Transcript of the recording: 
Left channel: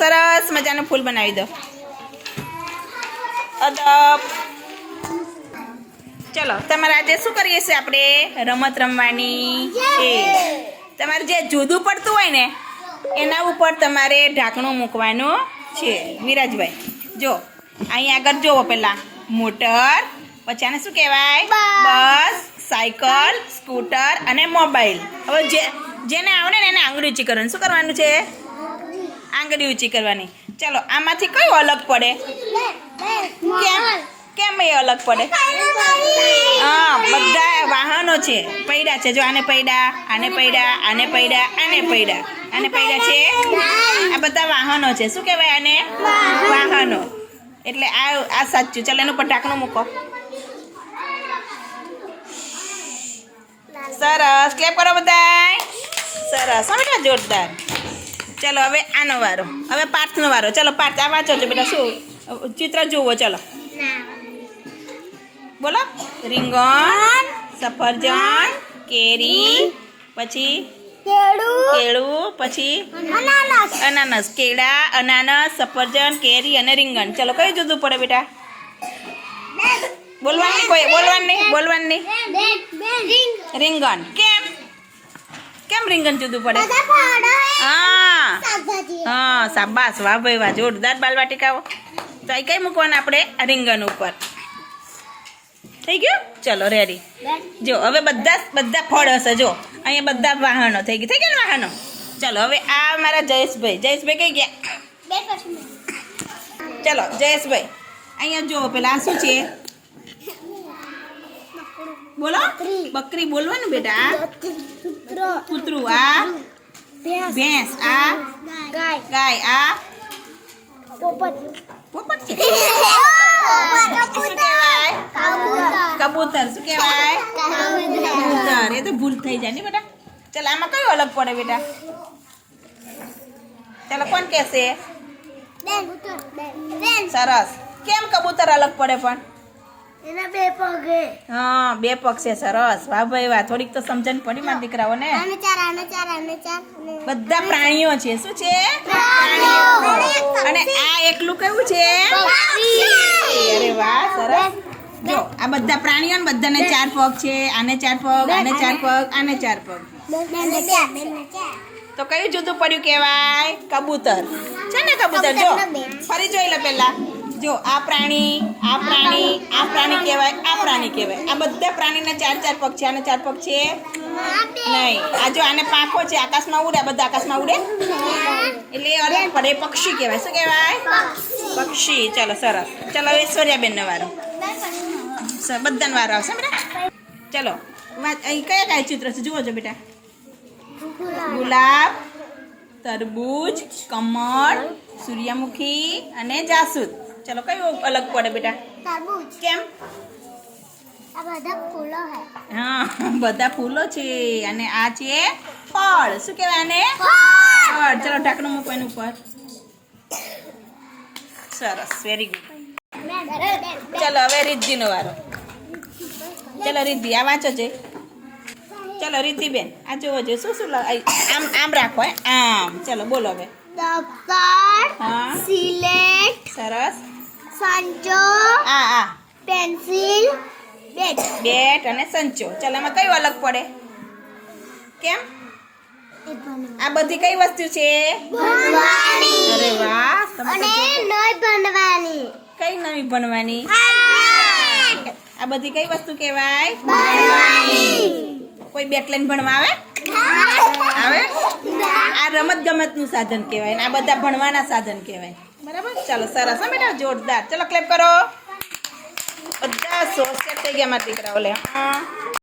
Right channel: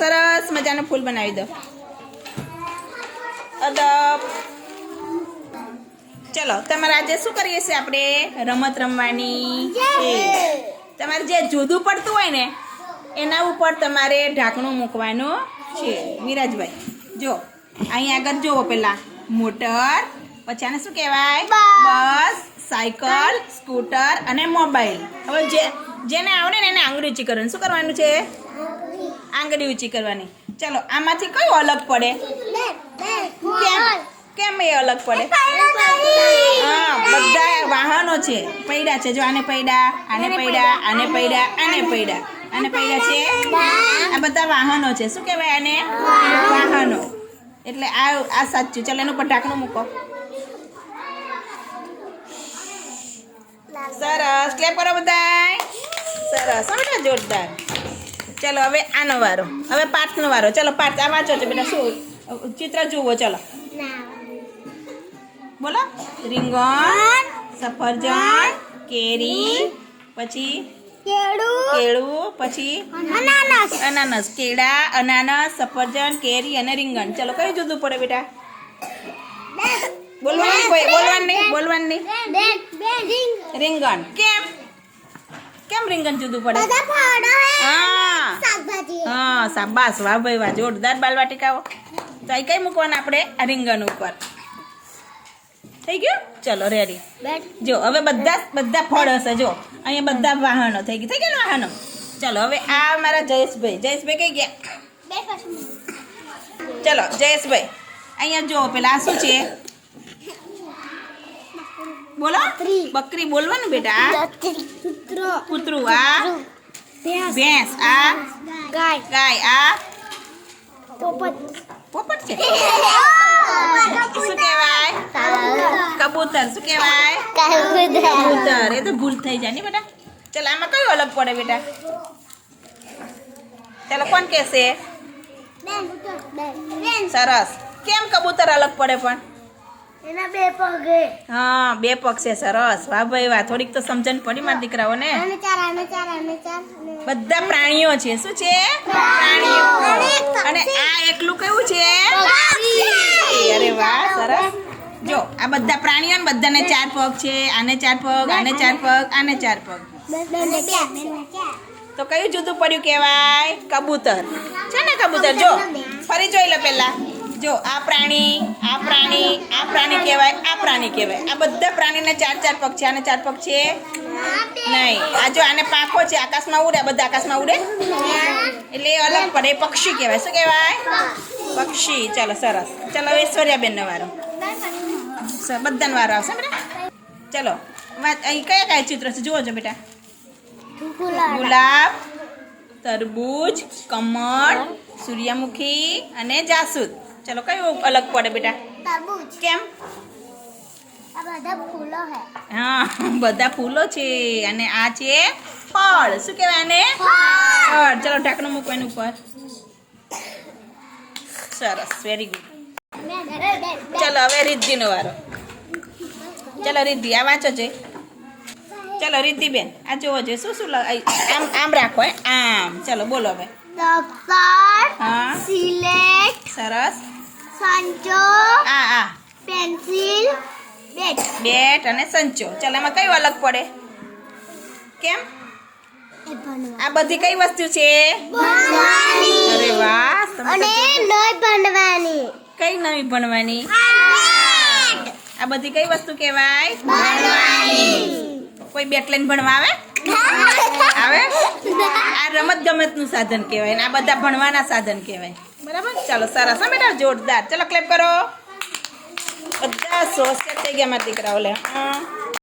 સરસ મજાનું ફૂલ બનાવી દો. અદબ. ચલો, તમારે આજે શું કરીએ છીએ આપણે? રમત રમવાની. છે તમારે જે જુદું પડતું હોય ને, એના ઉપર તમારે ઢાંકણું મૂકવાનું છે. વિરાજભાઈ, જો અહીંયા આગળ જુઓ પહેલાં મોટર, પછી આને શું કહેવાય? બસ, સાયકલ, સ્કૂટર અને મોબાઈલ. હવે જે, જેને આવડે ને એને આંગળી ઊંચી કરવાનું. શું કરવાનું છે? આંગળી ઊંચી કરવાની. ચલો, આમાંથી કયું અલગ પડે? કેમ? કેમ એ અલગ પડે? હા, બધા વાહનો છે. પૈડા છે. જો આને પૈડા આને પૈડા આને પૈડા આને પૈડા. આને પૈડા છે? આ બધા વાહનો છે. શું કહેવાય આને? વાહનો. એટલે આ આ સાચું. ચાલો, એનું પટાકનું મૂકો. સરસ. ક્લેપ કરો બધાય. સરસ. બેટા જોરદાર. ચલો હવે આનો વારો. હવે પાર્થનો વારો. ચાલો પાર્થ આ વાંચો છો બેટા શું? ચિત્ર જુઓ ચાલો. બોલો. રીંગણ સફરજન કેરી પછી કેળું પછી અનાનસ. કેળા અનાનસ સફરજન કેરી અને રીંગણ. ચલો કયું જુદું પડે બેટા? બોલવાની કોઈ બોલવાની નહીં બોલવાનું રીંગણ. કેમ? કેમ રીંગણ જુદું પડે? હા. હા સાબાસ વાહ ભાઈ વાહ જોરદાર બાલવાટિકાઓ. તો અહીં કઈ મૂકવાના આપણે? આ રીંગણ ઉપર. થઈ ગયું? ચલો રેડી જો હવે બધા બધા ફળ હશે જો. અહીંયા બધા વાહનો થઈ ગયા થઈ ગયા ને વાહનો? ચલો હવે આ મારા જયેશભાઈ. જયેશભાઈ કઈ ગયા? ચલો જયેશભાઈ. અહીંયા જો પેલા આ શું છે. બોલો? બકરી. બોલવાનું બેટા? કૂતરું. આ? ભેંસ. આ? ગાય. આ? પોપટ. છે? શું કહેવાય? કબૂતર. શું કહેવાય? કબૂતર. એ તો ભૂલ થઈ જાય ને બેટા. ચાલ આમાં કયું અલગ પડે બેટા? ચાલો કોણ કહેશે? સરસ. કેમ કબૂતર અલગ પડે પણ? એના બે પગ હા. બે પગ છે સરસ. વાહ ભાઈ વાહ. થોડીક તો સમજણ પડી મારા દીકરાઓને. બધા પ્રાણીઓ છે. શું છે? પ્રાણીઓ. અને આ એકલું કેવું છે? અરે વાહ સરસ. જો આ બધા પ્રાણીઓ ને બધાને ચાર પગ છે. આને ચાર પગ આને ચાર પગ આને ચાર પગ. તો કયું જુદું પડ્યું કહેવાય? કબૂતર. છે ને કબૂતર? જો ફરી જોઈ લો પહેલા. જો, આ પ્રાણી આ પ્રાણી આ પ્રાણી કહેવાય, આ પ્રાણી કહેવાય. આ બધા પ્રાણીને ચાર ચાર પગ છે. આને ચાર પગ છે? નહીં. આ જો, આને પાંખો છે. આકાશમાં ઉડે? બધા આકાશમાં ઉડે? એટલે એ અલગ પડે. પક્ષી કહેવાય. શું કહેવાય? પક્ષી. ચાલો, સરસ. ચાલો ઐશ્વર્યાબેનનો વારો. બધાનો વારો આવશે બેટા? ચલો, વાત, અહીં કયા કયા ચિત્ર છે? જુઓ છો બેટા. ગુલાબ, તરબૂચ, કમળ, સૂર્યમુખી અને જાસૂદ. ચલો કયું અલગ પડે બેટા? કેમ? બધા ફૂલો હા. બધા ફૂલો છે અને આ છે ફળ. શું કહેવાય આને? ફળ. ચલો ઢાંકણું મૂકો એની ઉપર. સરસ વેરી ગુડ ચલો હવે રિદ્ધિનો વારો. ચલો રિદ્ધિ આ વાંચો છે ચલો રિદ્ધિબેન આ જોવો જોઈએ શું શું આમ આમ રાખો હે. આમ. ચલો બોલો હવે. હા. સરસ. સંચો આ આ પેન્સિલ બેટ. બેટ અને સંચો. ચલો એમાં કયું અલગ પડે? કેમ? આ બધી કઈ વસ્તુ છે? અરે વાહ અને નઈ ભણવાની. કઈ નવી ભણવાની? આ બધી કઈ વસ્તુ કહેવાય? કોઈ બેટ લઈને ભણવા આવે? આવે? આ રમત ગમતનું સાધન કહેવાય ને આ બધા ભણવાના સાધન કહેવાય. બરાબર? ચાલો, સરસ. હા બેટા જોરદાર. ચલો ક્લેપ કરો. બધા સોસ થઈ ગયા મારા દીકરાઓ લે હા.